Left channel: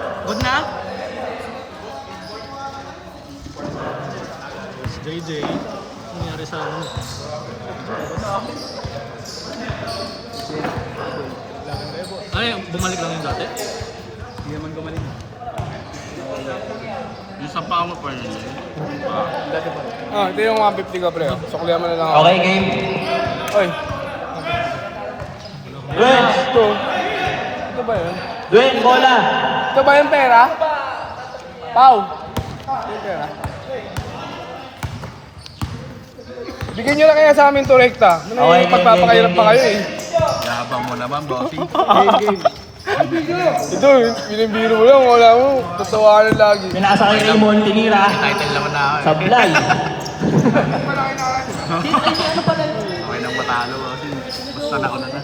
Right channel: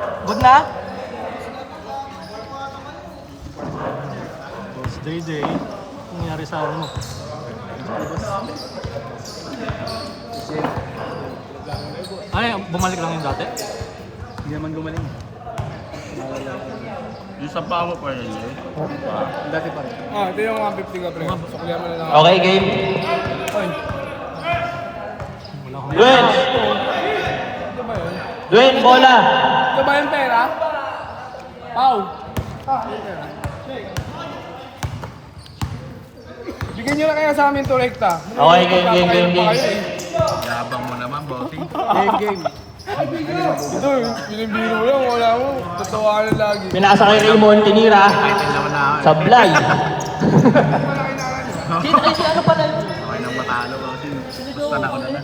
Good na? JJ, nangyari sa ano? Ano yung bumalik lang yung dati? Hindi naman gumaling. Yung sa paa mo pa yun eh. Pa. Ito yung 150 ka pre. Suklihan mo na lang ako. Okay, game. Oy, Gwen! ito ba yun? Gwen, bola! Ito ba yung pera? Pau! Bigyan nyo na kaya sa amin to rekta. Okay, Pagpapakailan pa kayo eh. Yabang mo naman, bossing. Game. Ito, binibiro mo lang, wala mo. Tatawanan lagi. Pinasa ko yung Raymond, tinira. May title naman na ako eh. Sablay. Okay nang matalo, bossing. Basta na ako na na.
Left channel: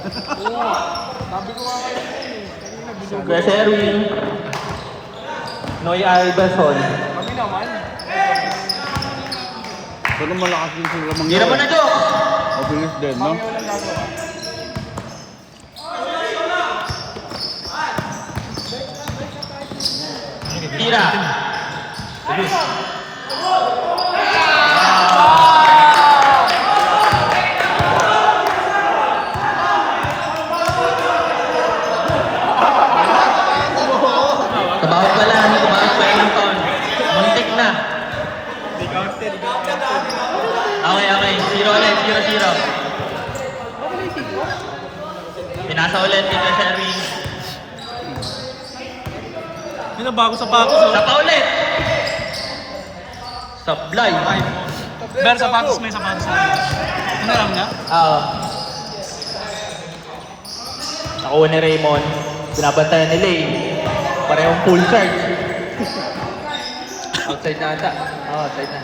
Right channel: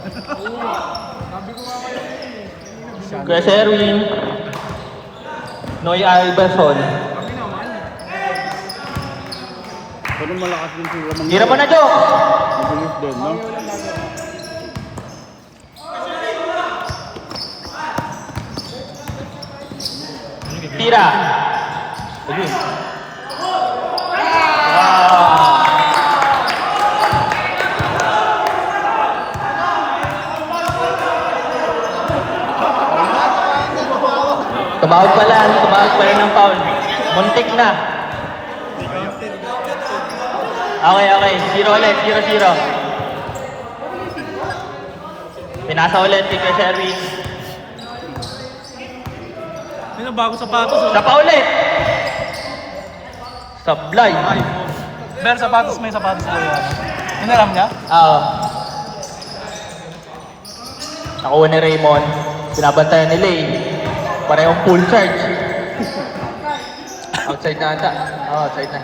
Sabi ko nga kayo. Kuya Serwin. Noy Alberson. Kami naman. Ganun mo lakas yung siguro Hindi naman na joke. mabilis din, no? Tira. Tabawat pa lang, tabawat pa ng taon. Muntik na. Okay. Zero ulit, 0-0. Pinasa ulit ni Kuya Serwin. Yun ang bago sapatos. Sa pa ulit. Sablay. Ay, oh. Pero sapatos, may sapatos mo. Inaram niya? Oo. Nakuha ni Raymond. Binabantayan nila eh. Parehong full charge. Outside na ata. Oo, outside na.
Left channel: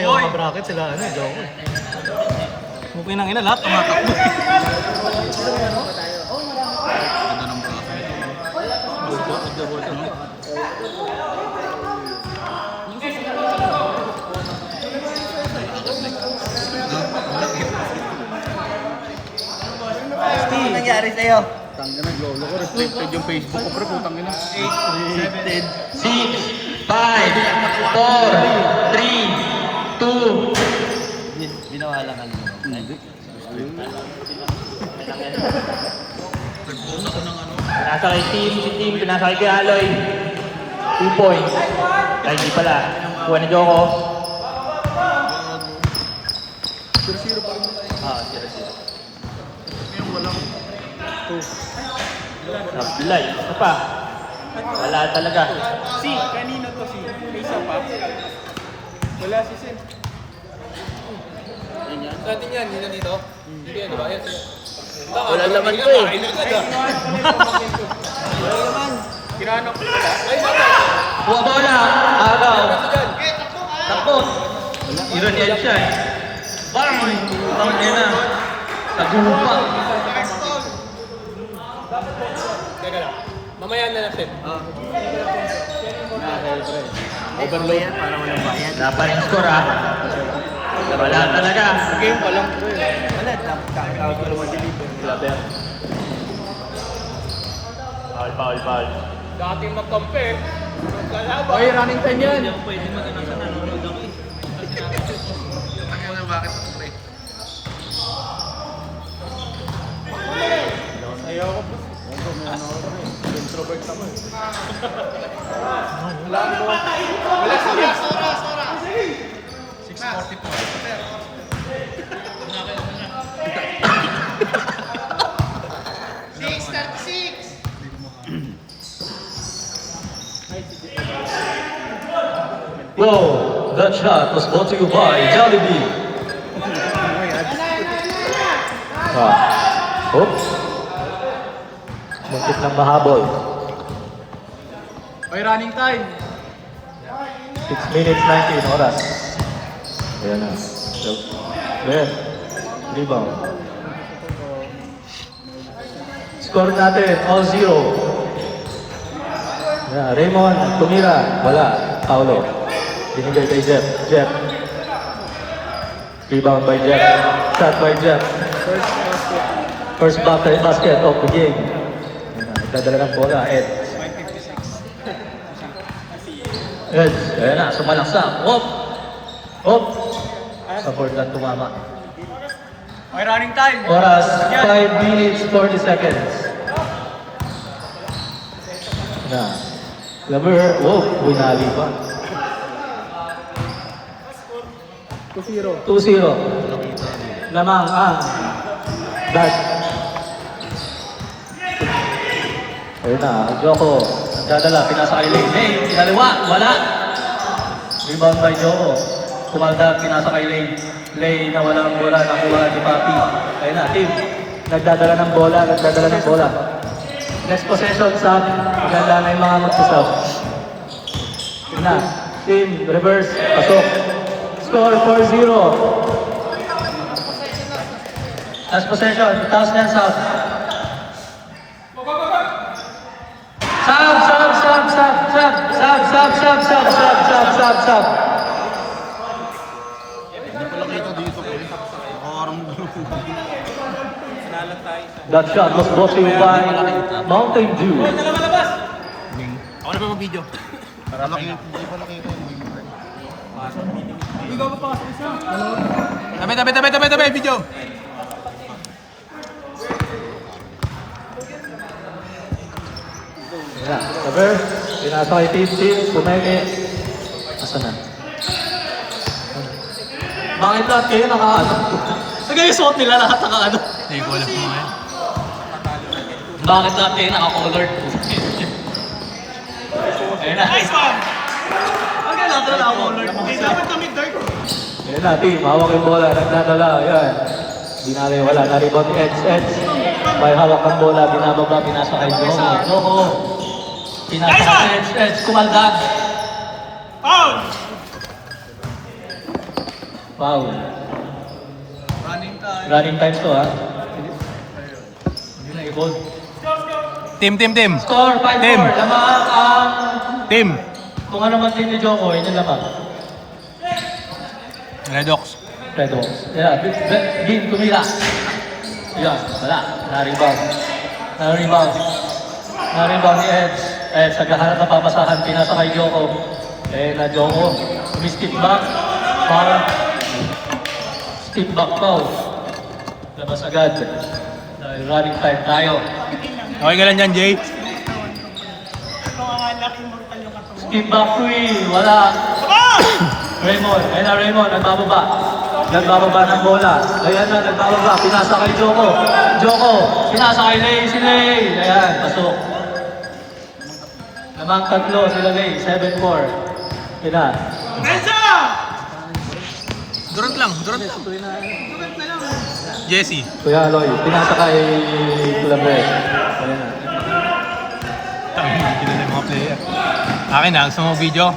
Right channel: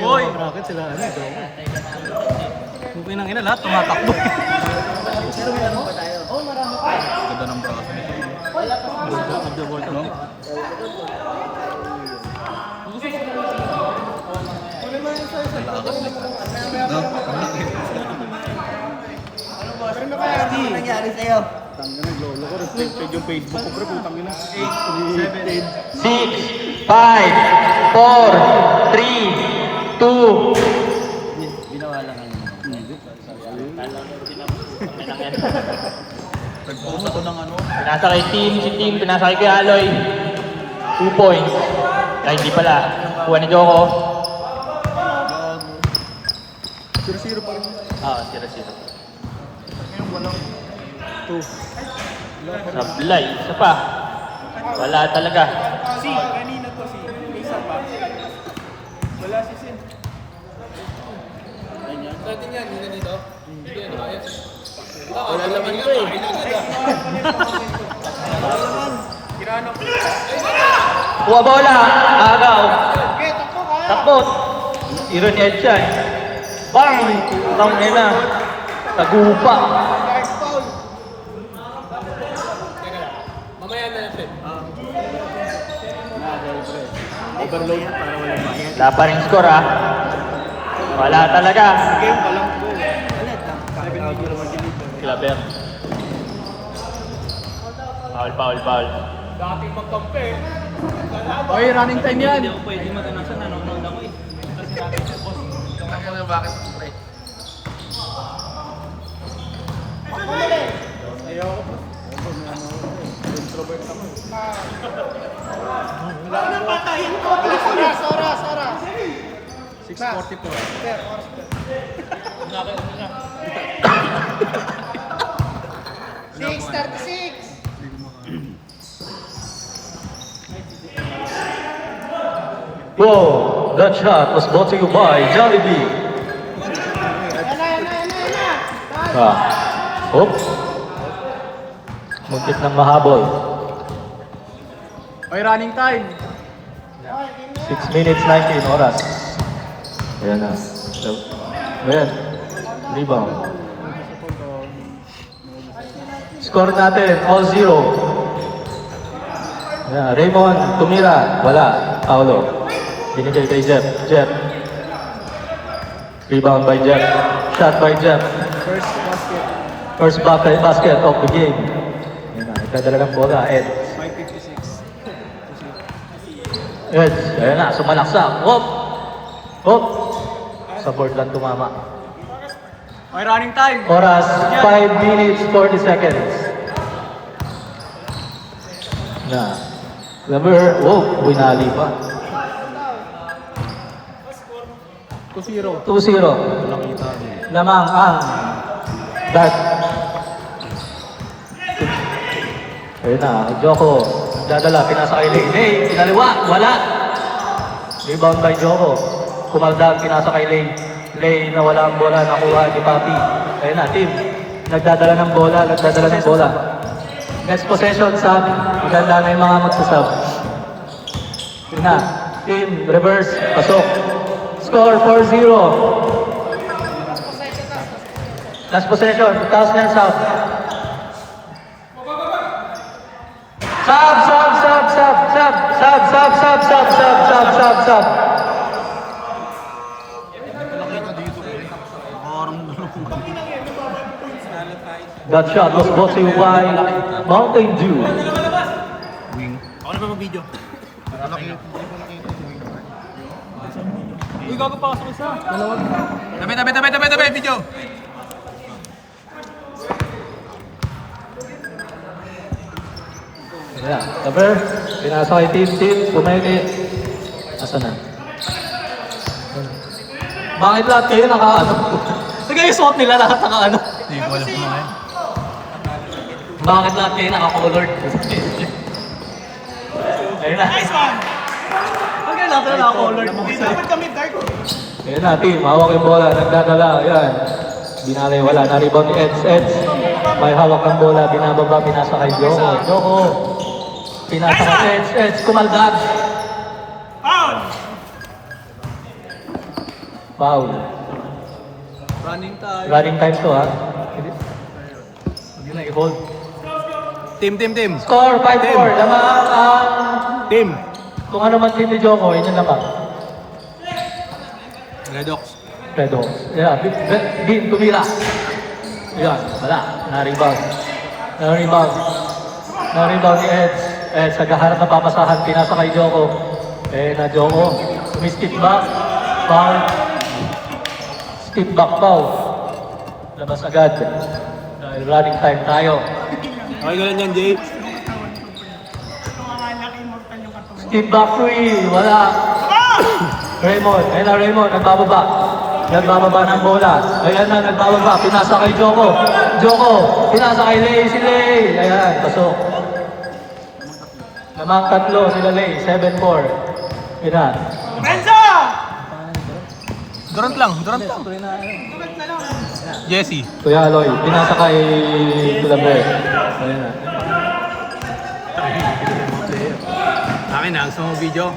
Uy! Bracket sila. Ano yun? Mungkin ang ina, lahat tumatakbo. Ganda ng braso nito. No? Nalakad na ikaw. No? Ano nangyari sa'yo? Restricted yung Facebook ko, pero putang ina. 6, 5, 4, 3, 2. Nag-post ako ng ano. Pinasakay team, pinasakay kay Aloy. 2 points. Ay, hindi pala. Kuha ni Joko. Zero pa rin. Ah, 0-0. Ngayon walang 2. Sablay. Isa pa. Wala talaga. Si, kanino to si? Isa pa. Wala si Sin. Dati yan, hindi na dito. Hindi yan, di ba? Yan. Wala naman ko eh. Kirano. Kuha bola. Araw. Takbo. I-rotate siya. Bang! Bang na. Tagupa. Teka lang. Mamaya na lang, Sin. Wala pa rin score ah. Wala talaga. Game pa lang. Grabe. Foul. Dating mag-compare. Ay, running time yan. Tagal na bakit ito pre? Whoa, that shot was brought to you by Johnny B. Oops. Muntik ng mahabol. May running time. 6 minutes 19 oras. Ayan na. Ayan. Rebound. Score natin, all 0. Ayan, Raymond, tumira. Wala. Paulo. Binigay kay Jet. Jet. Rebound by Jet. Shot by Jet. First basket of the game. Ganda ng bola, Ed. Ed, ayun na, sumalaksa. Hop! Hop! Support lang tumama. Okay, running time. Oras, 5 minutes, 40 seconds. Yan. Number, winali pa. 2-0. 2-0. Lamang ang Dark. Ayun na, Joko. Dadala, pinasa kay Lane. Hey, pinaliwa, wala. Rebound by Joko. Kumaldag, pinasa kay Lane. Lane na wala ang bola, nakuha ni Papi. Ayun na, team. Nagdadala ng bola. Next possession sa maganda ng mga magsasab. Ayun na, team, reverse, pasok. Score 4-0. Last possession, taas ng South. Sub. That shot was brought to you by Mountain Dew. Ako na ba mag-video? Tabi, video. Ayan, cover. Pinasa kay Team, pumeke. Asa na? Bakit lahat kayo naka-ano? Sige, suot nila lahat ang ano. Hindi ko alam kung mga yan. Bakit lahat kayo naka-colored? Ayun na. Nice one! Ang ganda natin na colored mo. Kami dark. Ayun na, team. Hawak yung bola. Nagdadala. Ayan. Di na rin wala. Na-rebound ni Eds. May hawak ng bola. Binababa. Pinasa kay Joko. Pinasa kay Eds. Kumaldag. Foul! Foul. Running time to, ha? Hindi na i-hold. Team. Score 5-4. Team. Lamaan ang... Team. Kung ano man team ni Joko, yun yung naman. Redox. Pero, yeah, game tumira. Yan, wala. Na-rebound ni Eds. Eds, naghahanap na papasahan, pinasa kay Joko. Na Joko, step back. Foul. Step back foul. Labas agad. Dahil running time tayo. Okay ka lang dyan, Jay. Step back 3, wala. Raymond, Raymond, nagbababa. Nagbababa ng bola. Ayan na, nagbababa. Pinasa kay Joko. Pinasa kay Lay. Si Lay. Ayan, pasok. Namang tatlo sila Lay. 7-4. Ayan na. Durant lang. Jesse. Kuya Aloy, pinasa kay Tulabre. Ayan. Akin na, gusto mo video?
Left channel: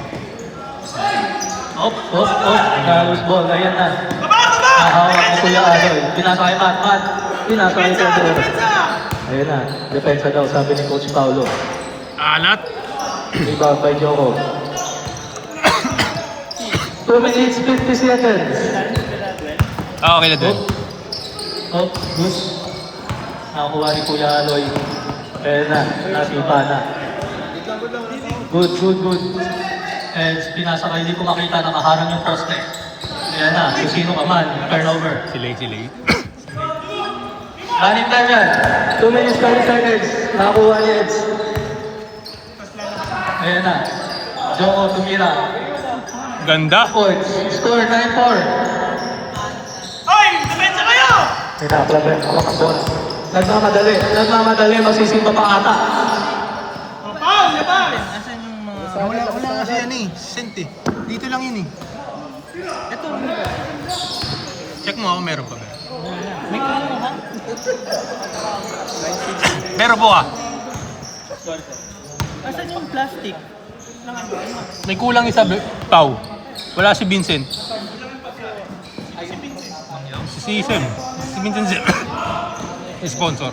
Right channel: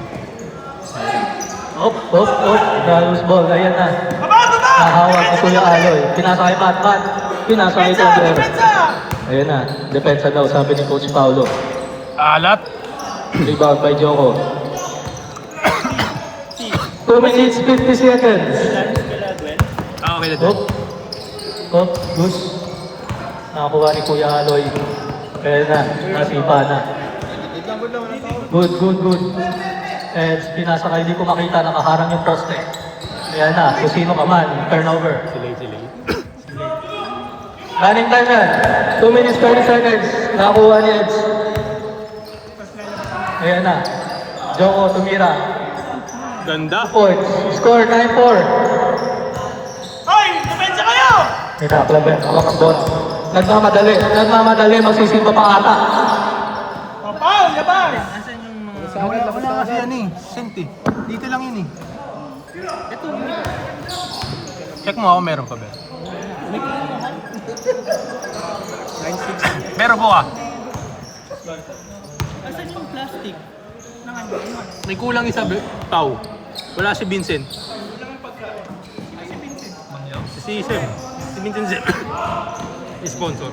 Carlos ball. Ayan na. Hawak ni Kuya Aloy. Pinasa kay Matt. Pinasa kay Tulabre. Ayan na. Depensa daw, sabi ni Coach Paulo. Alat. Rebound by Joko. 2 minutes, 50 seconds. Okay na doon. Goose. Nakakuha ni Kuya Aloy. Ayan na, nasipa na. Good. And pinasa kayo, hindi ko makita, nakaharang yung poste. Ayan na, so sino ka man, turnover. Silay. Running time yan. 2 minutes, 30 seconds. Nakakuha ni Eds. Ayan na. Joko tumira. Ganda. Points. Score 9-4. Hoy! Depensa kayo! Nagmamadali, masisimba pa ata. Foul! Labas! Wala kasi yan eh. Sent eh. Dito lang yun eh. Check mo ako, meron pa ba? Meron po ah. Nasaan yung plastic? May kulang isa ba? Pau. Wala si Vincent. Si Sem. Si Vincent Sem. Sponsor.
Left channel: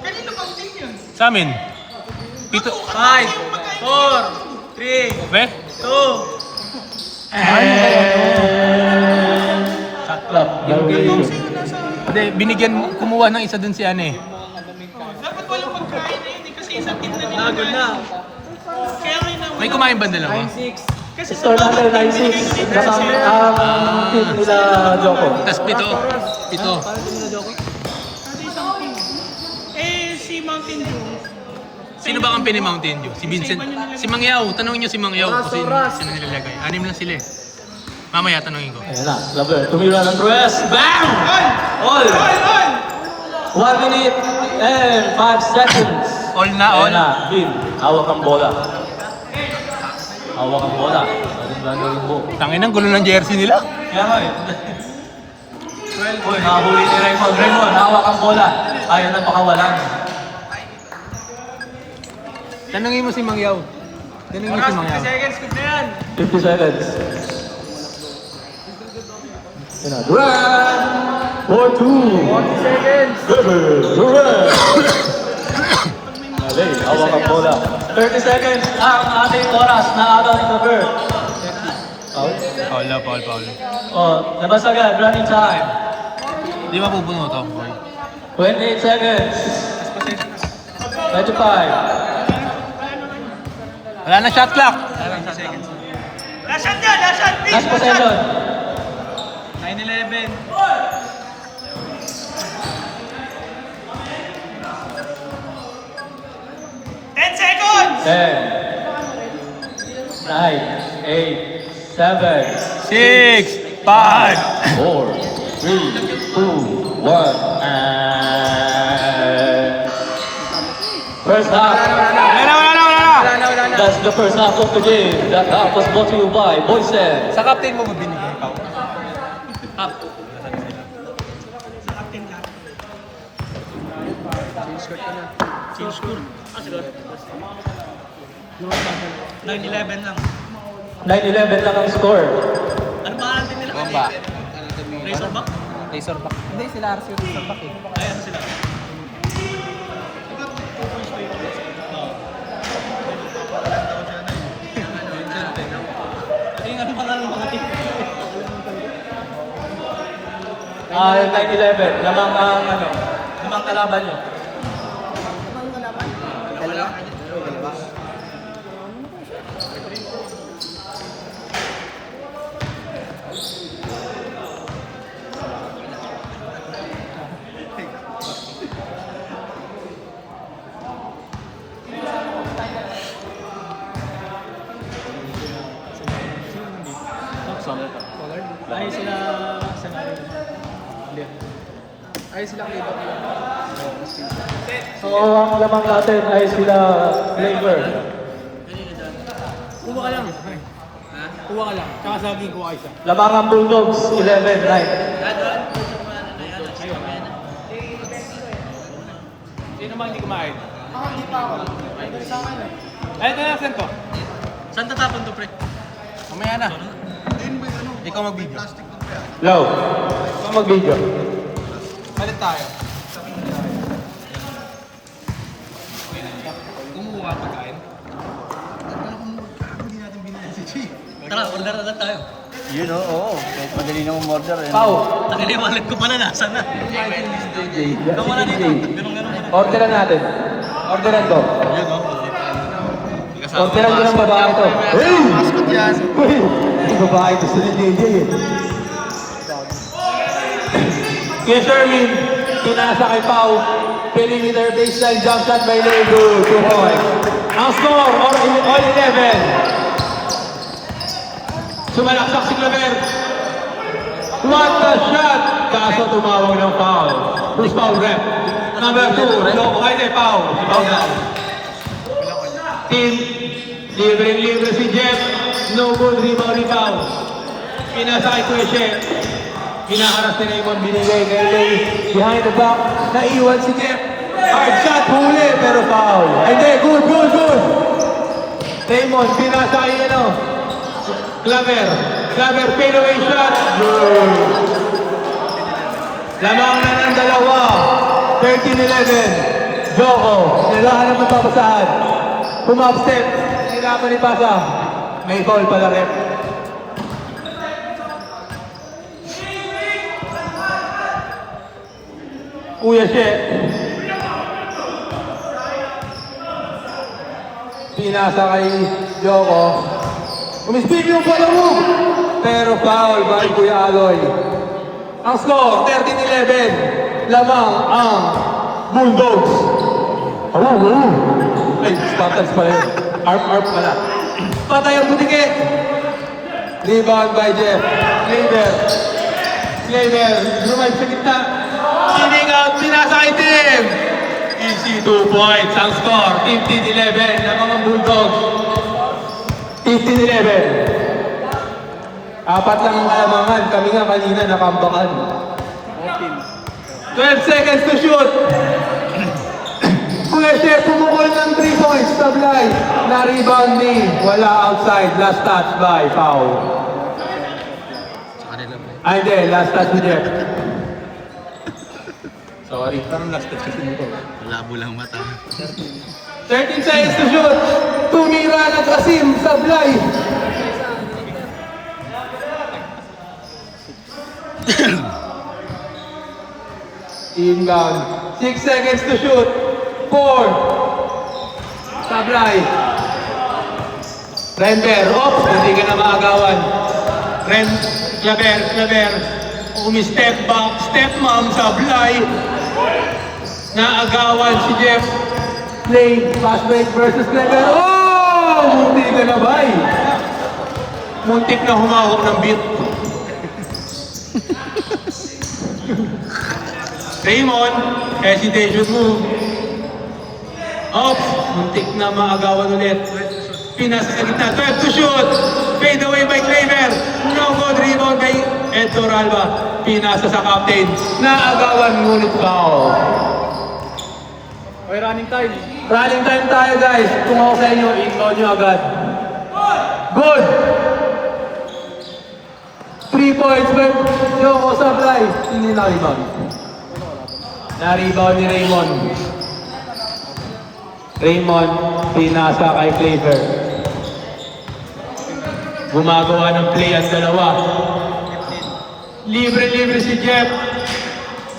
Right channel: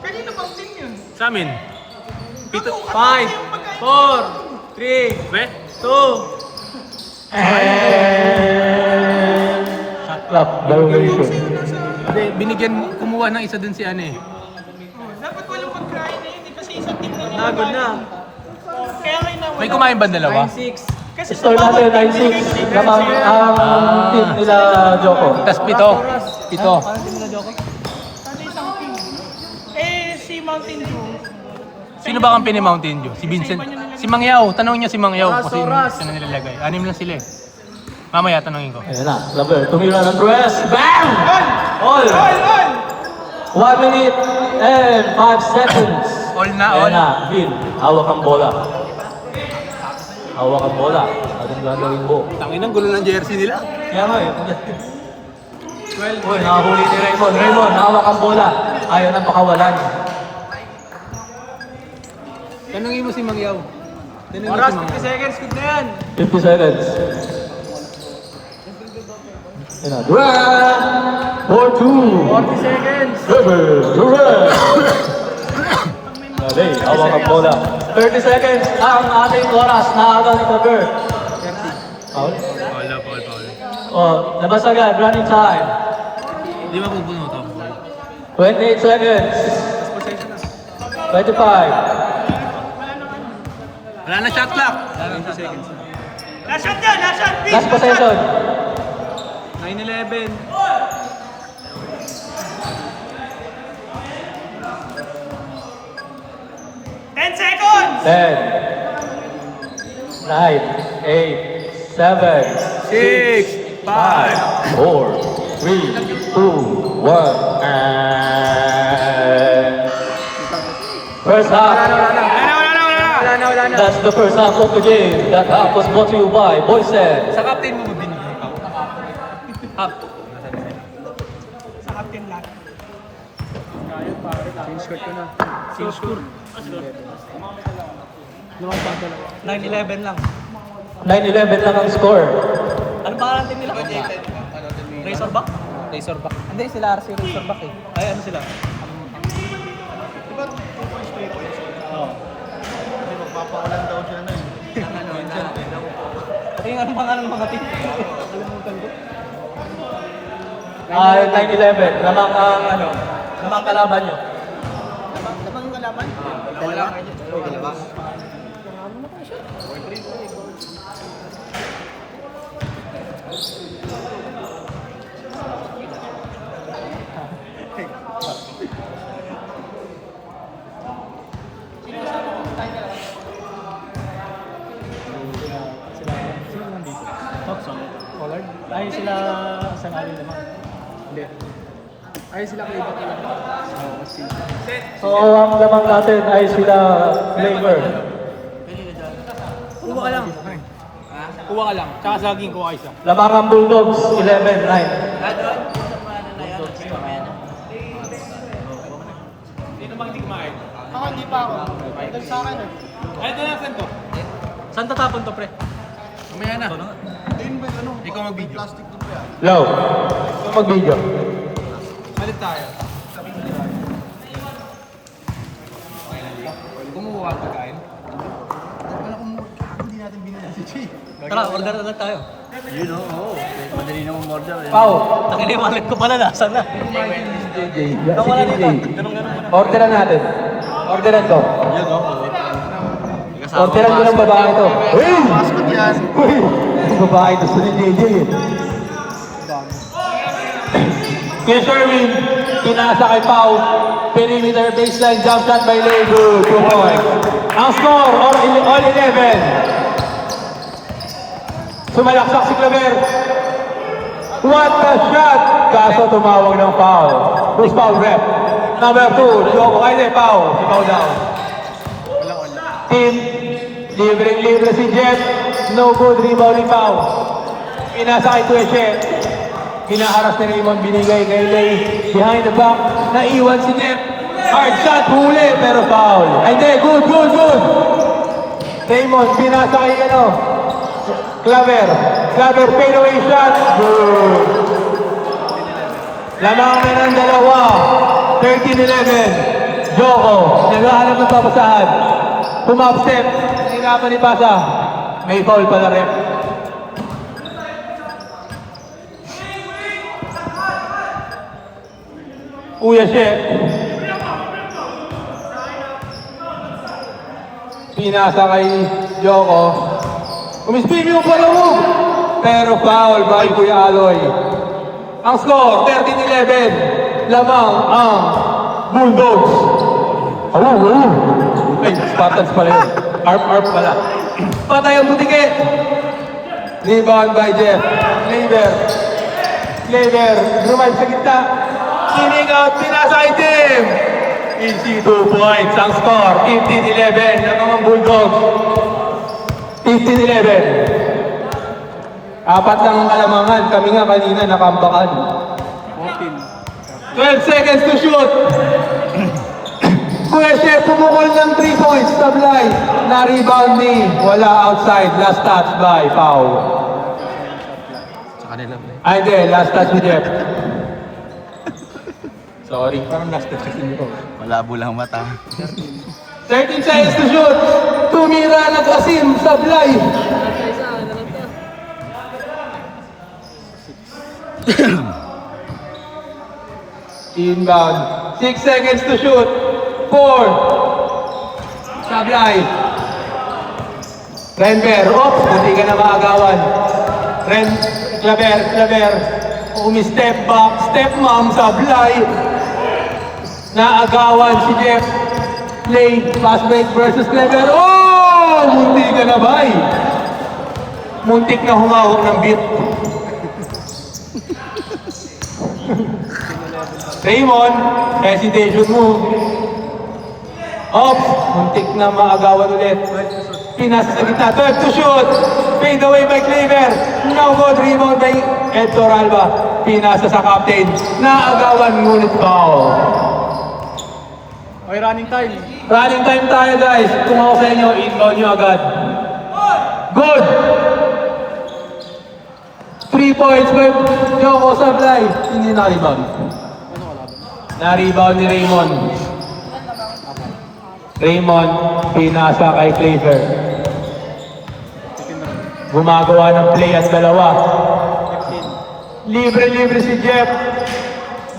Kanino bang team yun? Sa amin. Pito. 5, 4, 3, Be? 2. Shot Club. Very Hindi, binigyan, kumuha ng isa dun si ano eh. Dapat walang magkain na yun, kasi isang team na nila. Kaya ngayon na May kumain ba dalawa? Kasi sa Score bawat natin, team, 9-6. binigay sa share. Ang team nila Joko. Tapos pito. Si Mountain Dew. Sino ba kampi ni Mountain Dew? Si Vincent? Si Mang Yao. Tanongin niyo si Mang Yao kasi saan na nilalagay. 6 lang sila eh. Mamaya tanongin ko. Ayan na, Claver. Tumira ng press. Bam! All! 1 minute and 5 seconds. All na, all. Ayan na, Vin. Hawak ang bola. Hawak ang bola. Anong gagawin mo? Tangin ang gulo ng jersey nila. Kaya nga eh. Uy, nakahuli si Raymond. Raymond, hawak ang bola. Ayaw na pakawalan. Tanongin mo si Mang Yao. Tanongin mo si Mang Yao. 50 seconds. Ayan na, Brad! 4-2. 50 seconds. Okay, hawak ang bola. 30 seconds ang ating oras na agaw ni Claver. Paul na, Paul. Oh, nabasagan, running time. Di ba pupuno to? 28 seconds. 25. Wala na shot clock. Last shot yan! Last shot, please! Last Last shot! possession. 9-11. Ten seconds! 10, 9, 8, 7, 6, 5. 4, 3, 2, 1. First half. That's the first half of the game. That half was brought to you by Boysen. Sa captain mo binigay pa. King School. 9-11 lang. 9-11 lang ang score. Ano pa ang nila? Bomba. Razorback? Razorback. Hindi, sila RC Razorback eh. Ay, ano sila? Papawalan daw sila na yun. Ano pa nga ng mga team? 9-11. Lamang kalaban niyo. Ay sila sa Hindi. Ay sila kay iba pala. So, ang lamang natin ay sila Flavor. Kuha ka lang. Kuha ka lang. Tsaka saging kuha isa. Lamang ang Bulldogs, 11-9. Sino mang hindi kumain? Ako hindi pa ako. Ito sa akin eh. Ito na saan to? Saan tatapon to, pre? Mamaya na. Ikaw mag-video. Low. Ang mag-video. Balik tayo. Kumuha ka kain. Tara, order na lang tayo. Yun, oo. Madali na umorder eh. Pau. Ang wallet ko pala, nasa na? Ikaw wala dito. Ganun muna. Orderan natin. Orderan ko. Yun, oo. Orderan ko ng babae ko. Hey! Mascot yan. Ang babae gusto ni JJ. Kaya Sherwin, kinasa kay Pau. Perimeter baseline jump shot by Lego. 2 points. Ang score, all 11. Sumalaksak si Claver. What a shot! Kaso tumawag ng foul. Who's foul rep? Number 2, Joko Kaide, foul. Ibang down. Team, libre si Jeff. No good, rebounding foul. Pinasakay ko yung Jeff. Hinaharas ni Raymond, binigay kay Lay. Behind the back, naiwan si Jeff. Hard shot, huli, pero foul. Hindi, good. Raymond, pinasakay Claver, fade away shot. Lamang na ng dalawa. 13-11. Joko, nilahanap ng papasahan. Pumap-step, hinapan ni Pasa. May foul pala rep. Kuya Chef. Pinasa kay Joko. Umispili yung pala mo. Pero foul by Kuya Aloy. Ang score, 13-11. Lamang ang Bulldogs. Ay, Spartans pala yun. Arp pala. Patay ang butikit. Rebound by Jeff. Flavor. Rumal sa gitna. Inning out, pinasa item. Easy 2 points. Ang score, 15-11. Lamang ang Bulldogs. 15-11. Apat lang ang kalamangan. Kami nga kanina nakambakan. 12 seconds to shoot. Kuya Chef, pumukol ng 3 points. Tablay. Na-rebound ni. Wala outside. Last touch by Pau. Hindi, last touch ni Jeff. Sorry. Malabo lang mata. 13 seconds to shoot. Tumira ng Kasim. Tablay. Inbound. 6 seconds to shoot. 4. Sablay. Renber. Oops, hindi ka na maagawan. Laber. Umi-step back. Step mom. Sablay. Naagawan si Jeff. Play. Fast break versus Laber. Oh! Muntik ka na ba eh? Muntik na humawak ng beat. Raymond, hesitation move. Ops, muntik na maagawan ulit. Pinasa sa gitna, third to shoot. Fade away by Claver. Now good rebound by Edtor Alba. Pinasa sa captain. Naagawan ngunit foul. May running time. Running time tayo guys. Kung ako sa inyo, inbound nyo agad. Good! 3 points by Joko Sablay. Hindi na-rebound. Na-rebound ni Raymond. Raymond, pinasa kay Claver. Gumagawa ng play ang dalawa. Libre si Jeff.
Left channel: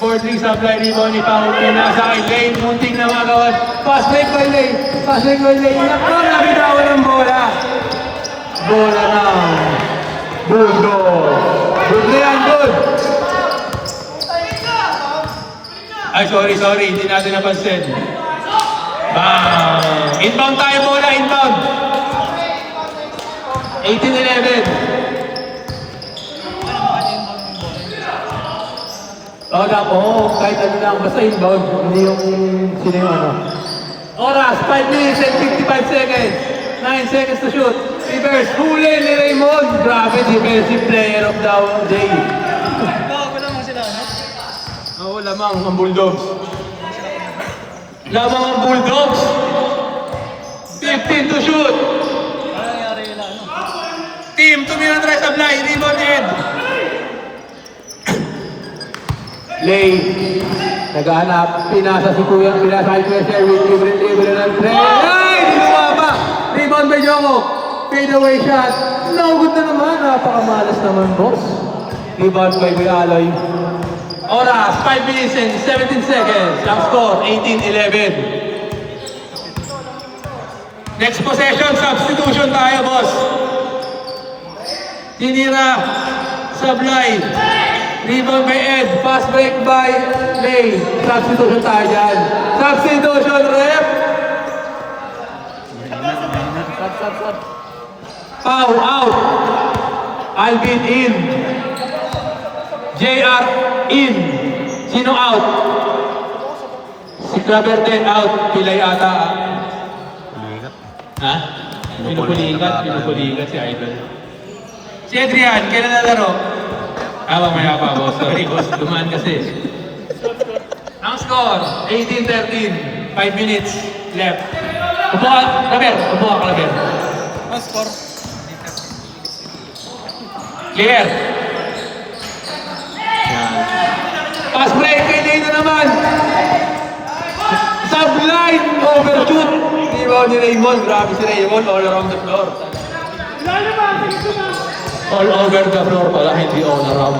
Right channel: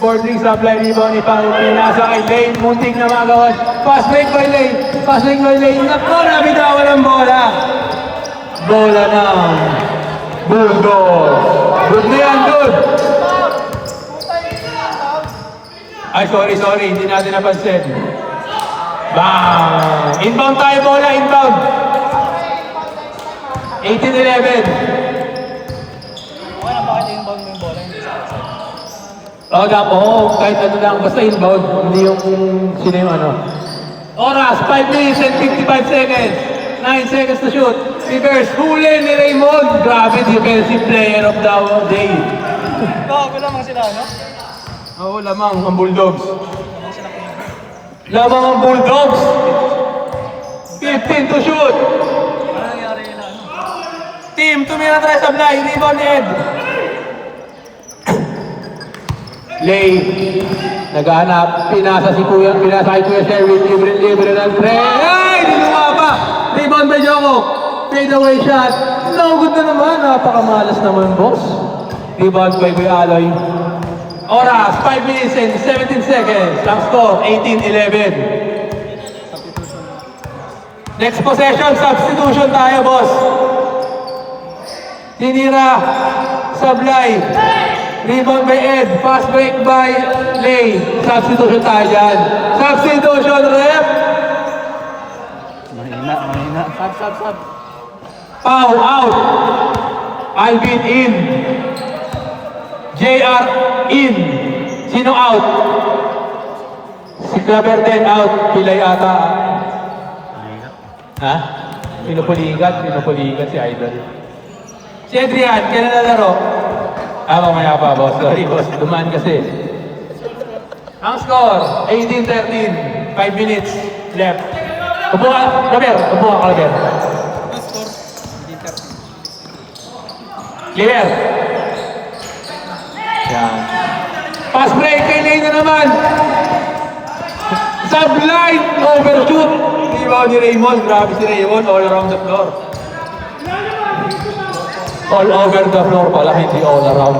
Boarding supply rebound ni Pang. Pinasa kay Lane. Munting na magawan. Fast break by Lane. Naku, nabitawan ng bola. Bola na. Bulldog. Good yan, good. Ay, sorry. Hindi natin napansin. Bang! Inbound tayo, bola. Inbound. 18-11. Kahit ano lang. Basta inbound. Hindi yung sino yung ano. Oras, 5 minutes and 55 seconds. 9 seconds to shoot. Reverse. Huli ni Raymond. Grabe, defensive player of the day. Lamang ang Bulldogs. Lamang ang Bulldogs. 15 to shoot. Ano nangyari na ano? Team, tumira try sa Blay. Rebound ni Ed. Lay. Naghahanap. Pinasa kay Kuya Sherwin. Libre ng tray. Ay! Dinuwa pa. Rebound by Joko. Fade away shot. No good na naman. Napakamalas naman, boss. Rebound by Kuya Aloy. Oras, 5 minutes and 17 seconds. Ang score, 18-11. Next possession, substitution tayo, boss. Tinira, Sablay. Rebound by Ed. Fast break by Lay. Substitution tayo dyan. Substitution, ref. Pau, out. Alvin, in. JR, in. Sino out? Si Claverde out. Pilay ata. Ha? Pinupulikat si Idol. Si Adrian, kailan nalaro? Mamaya pa, boss. Sorry, boss. Dumaan kasi. Ang score, 18-13. 5 minutes left. Upo ka, Claver. Upo ka, Claver. Ang score? Clear. Pass break, kailangan na naman. Sublight, overshoot. Rebound ni Raymond. Grabe si Raymond, all around the floor. All over the floor pala, hindi all around.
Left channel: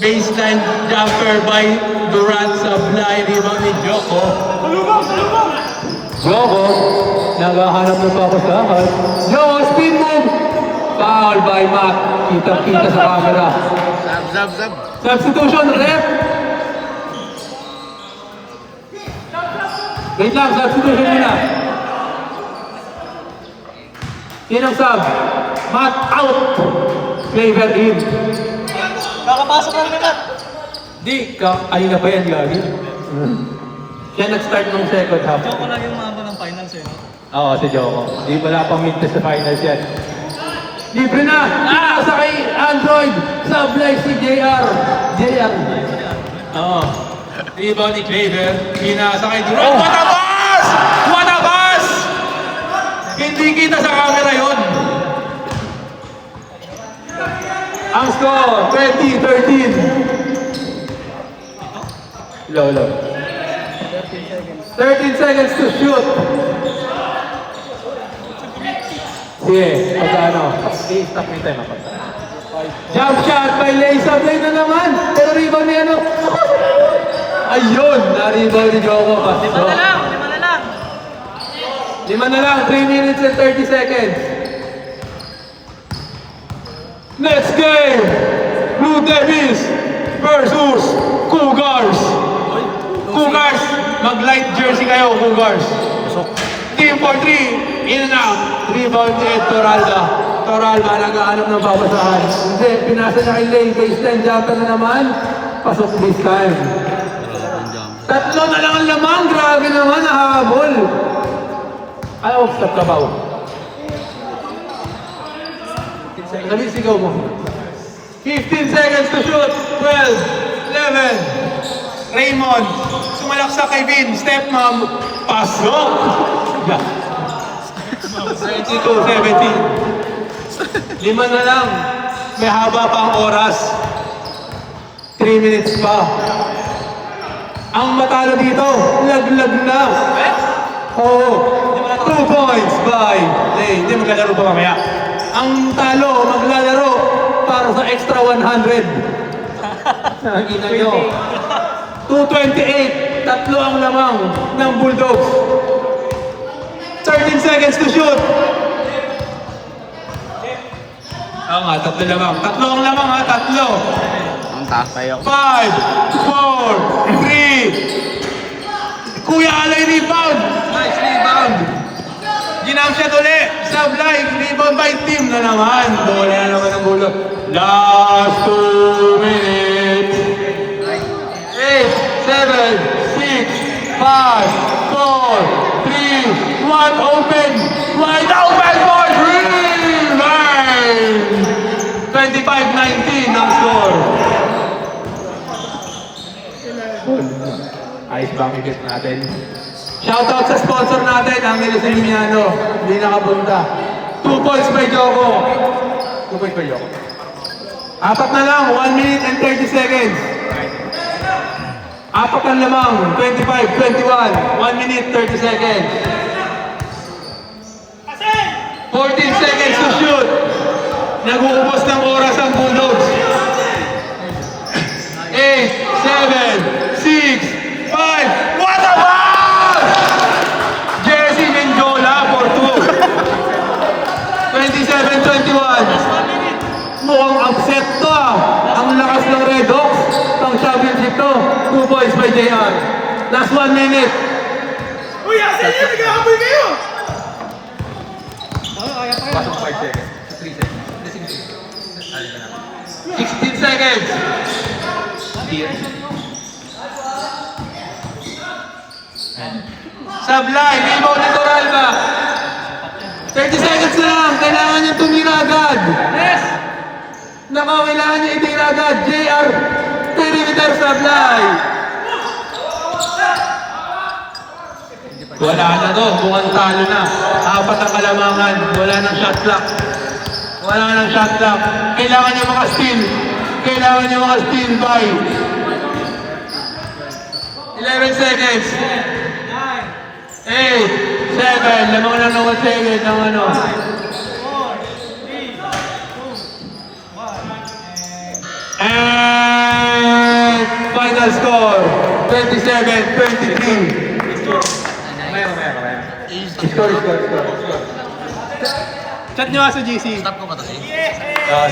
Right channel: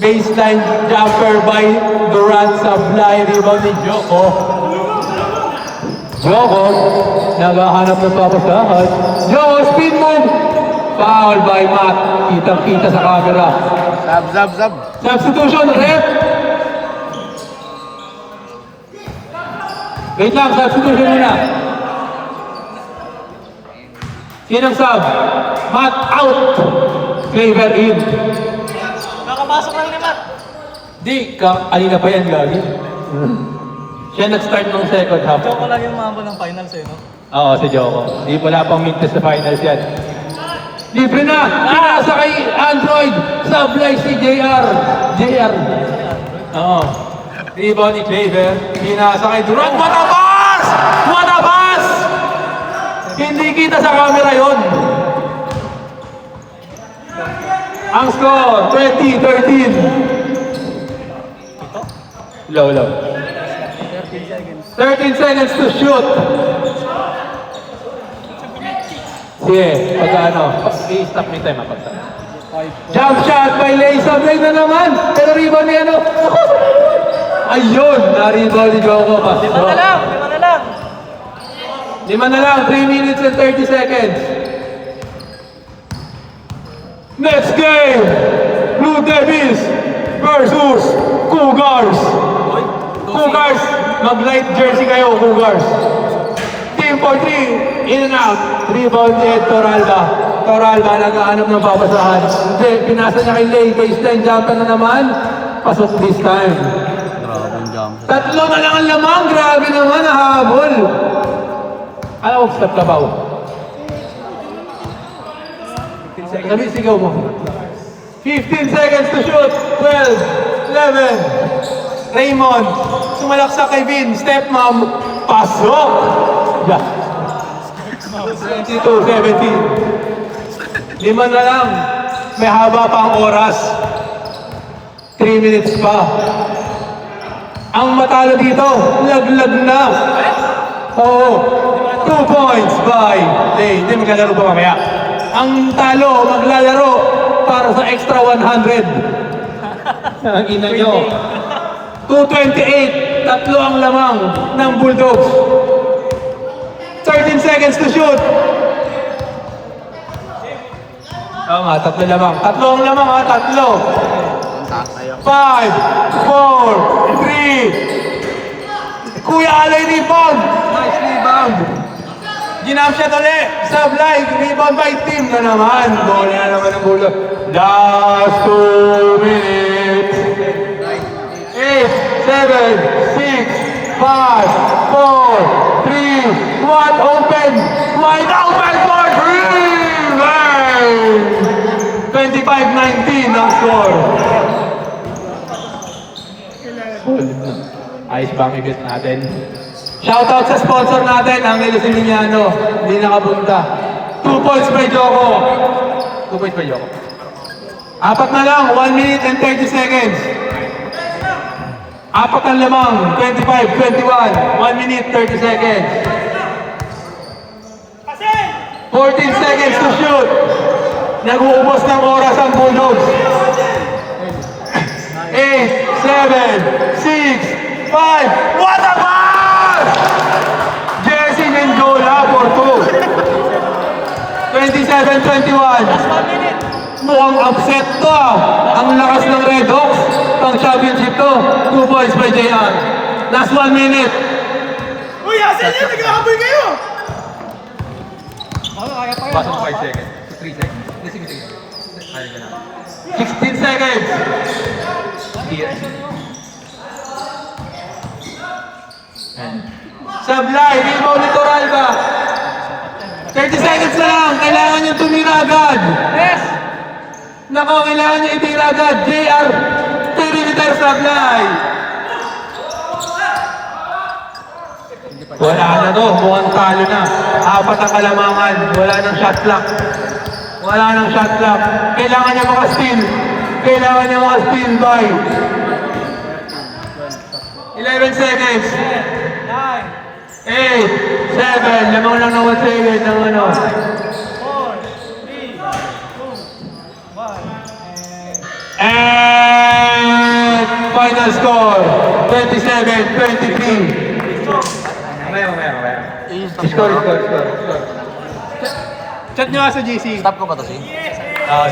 Baseline jumper by Durant Sablay. Rebound ni Joko. Joko, naghahanap ng papasahan. Joko, speed move. Foul by Matt. Kitang-kita sa camera. Zab. Substitution, rep. Wait lang, substitution muna. Sinang sub? Matt out. Flavor in. Nakapasok lang ni Matt. Di, ayun na pa yan lagi. Siya nag-start ng second half. Ako lang yung mga ng finals eh. Oo, si Joko. Di pala pang mid sa finals yan. Libre na! Pinasa kay Android! Sablay si JR! Oo. Rebound ni Craven. Pinasa kay Durant. What a pass! What a pass! Hindi kita sa camera yon. Ang score, 20-13. Low. 13 seconds to shoot. Sige, pag-ano, i-stop ni time ako. Jump shot by Lay Sablay na naman. Pero rebound ni ano. Ayun, na-rebound ni Joko. Lima na lang. 3 minutes and 30 seconds. Next game, Blue Devils versus Cougars. Cougars, mag-light jersey kayo, Cougars. Team for 3, in and out. Rebound ni Ed Toralba. Toralba, naghahanap ng babasahan. Hindi, pinasa niya kay Lay. Baseline jumper na naman. Pasok this time. Tatlo na lang ang lamang. Grabe naman, nahabol. Alam mo, sa kabaw. Nabisigaw mo. 15 seconds to shoot. 12, 11. Raymond, sumalaksak kay Vin. Step mom, pasok. Yeah. 72-70. Lima na lang. May haba pang oras. 3 minutes pa. Ang matalo dito, laglag na. Oo. 2 points by Lay. Hindi maglalaro ba mamaya? Ang talo, maglalaro para sa extra 100. Ang ina nyo. 2:28. Tatlo ang lamang ng Bulldogs. 13 seconds to shoot. Tama, tatlo lamang. Tatlo ang lamang ha, tatlo. 5, 4, 3. Kuya Alay rebound. Nice rebound. Ginamset ulit. Sablay. Rebound by team na naman. Bola na naman ang Bulldog. Last 2 minutes. 8, 7, 6, 5, 4, 3, 1, open! Wide open for Dreamers! 25-19 ang score. Ayos bang event natin? Shoutout sa sponsor natin, ang Nilisiniano. Hindi nakabunta. 2 points by Joko. 2 points by Joko. Apat na lang, 1 minute and 30 seconds. Apat ang lamang, 25-21, 1 minute, 30 seconds. 14 seconds to shoot. Nag-uubos ng oras ang Bulldogs. 8, 7, 6, 5, what a pass! Jesse Minjola for 2. 27-21. Mukhang upset to ah. Ang lakas ng Red Hawks. Pang championship to. 2 points by JR. Last 1 minute. Uy, asan yun? Nag-aapoy kayo! 16 seconds. Sablay, rebound ni Toralba. 30 seconds na lang. Kailangan niya tumira agad. Yes! Kailangan niya itira agad. JR, 30 Sablay. Wala na to. Mukhang talo na. Apat ang kalamangan. Wala nang shot clock. Wala nang shot clock. Kailangan niya maka-steal. Kailangan niya maka-steal by 11 seconds. 8, 7, lamang lang ng 1 second ng ano. 4, 3, 2, 1, And 27-23. Score. Chat nyo nga sa GC. Stop ko ba to, si? Oh,